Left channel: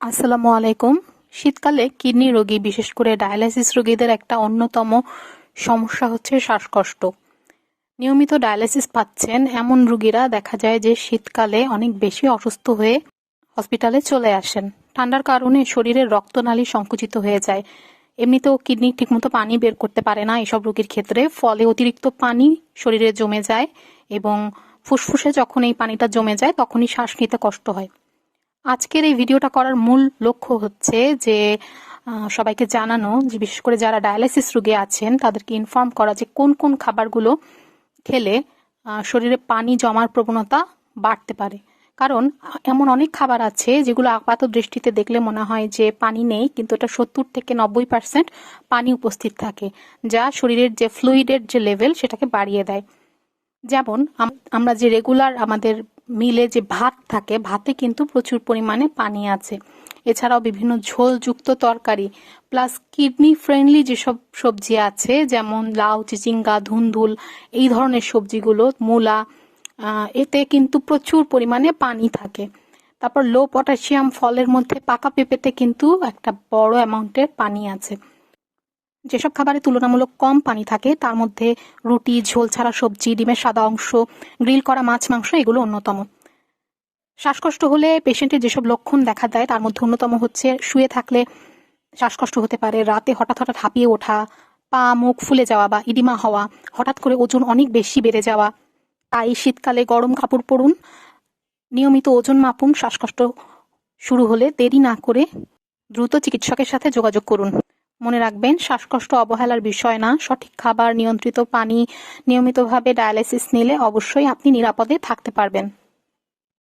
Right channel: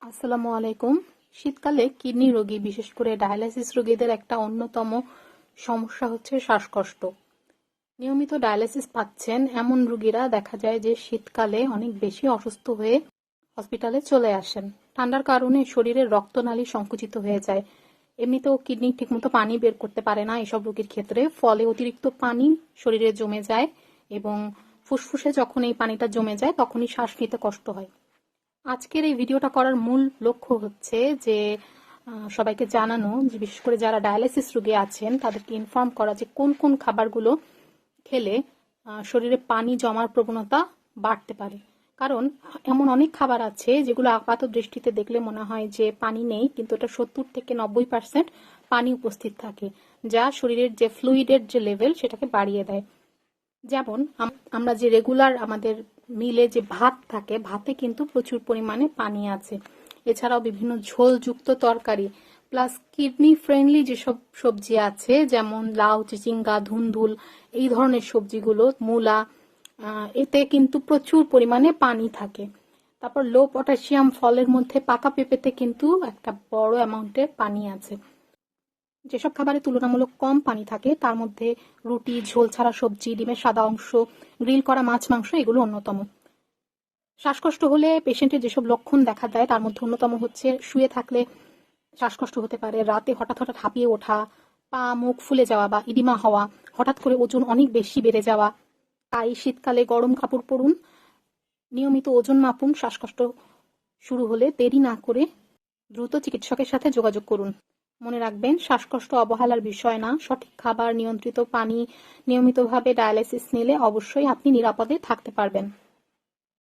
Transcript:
আসসালামু আলাইকুম। শীতকালে কিডনি রোগী, বিশেষ করে ডায়ালাইসিস রোগীদের একটা অন্যতম সমস্যা হচ্ছে শ্বাসকষ্ট। নিয়মিত ডায়ালাইসিস পাচ্ছেন এমন রোগীরা দেখা যায় যে শীতকালে অনেক বেশি অসুস্থ হয়ে হসপিটালে চলে আসেন। ঠান্ডার কারণে শরীরের রক্তনালী সংকুচিত হয়ে যায়। এমনিতেও কিডনি ঠিকমতো পানি বের করতে পারে না এসব রোগীর ক্ষেত্রে, ফলে অতিরিক্ত পানি শরীরে জমে যায় এবং ফুসফুসে যখন এই পানিটা জমে যায় তখনই শ্বাস নিতে কষ্ট হয়। আজকের এই ভিডিওটা করার মূল লক্ষ্য হচ্ছে যে সবাইকে জানানো যে বিশেষ করে যারা ডায়ালাইসিস রোগী আছেন তাদেরকে ইনফর্ম করা যে কোন কোন খাবারগুলো খেলে শরীরে পানি জমার প্রবণতা বাড়তে পারে। কারণ এমন অনেক খাবার আছে যেগুলো আপাত দৃষ্টিতে দেখলে মনে হয় যে পানি নেই, কিন্তু এটা 70 থেকে 90% পানি উপস্থিত থাকে, যা শরীরের যে ফ্লুইডের যে লেভেল সেটাকে বাড়িয়ে দেয়। যেমন আমরা যে রেগুলার আমাদের মিলে যে ভাত থাকে, ভাতে কিন্তু প্রচুর পরিমাণে পানি আছে। এছাড়াও বিভিন্ন ঝোলযুক্ত তরকারি প্লাস কিডনি ফ্রেন্ডলি যেসব সবজি আছে, যেমন লাউ, চিচিঙ্গা, ধুন্দুল, এই ধরনের সবজিগুলো, মূলা, এতে কিন্তু প্রচুর পরিমাণে পানি থাকে। তারপর লো পটাশিয়াম ফলের মধ্যে পাকা পেঁপেতে কিন্তু একটা বড় অ্যামাউন্টের পানি আছে। যেসব খাবারে তুলনামূলক কম পানি থাকে তার মধ্যে রুটি, ঝোল ছাড়া সবজি, ডিমের সাদা অংশ, গ্রিল করা মাছ, মাংস এগুলো অন্যতম। শ্বাসকষ্ট হলে পেশেন্টের যেসব লক্ষণ দেখা দেয় তার মধ্যে অন্যতম হচ্ছে শুয়ে থাকলে শ্বাসকষ্ট হতে পারে, রাতে হঠাৎ হঠাৎ হাঁপিয়ে ওঠা, পা মুখ ফুলে যাওয়া বা ইডিমা হওয়া, হঠাৎ করে ওজন অনেক বেশি বেড়ে যাওয়া। তাই শীতকালে গরম কাপড় পরুন, নিয়মিত ওজন মাপুন। শ্বাসকষ্ট শুরু হলে দেরি না করে দ্রুত চিকিৎসকের সাথে যোগাযোগ করুন। মনে রাখবেন, শ্বাসকষ্ট অবহেলার বিষয় না। সঠিক খাবার, নিয়ন্ত্রিত পানি, নিয়মিতভাবে ডায়ালাইসিস নিলে অবশ্যই আপনি নিরাপদে থাকতে পারবেন।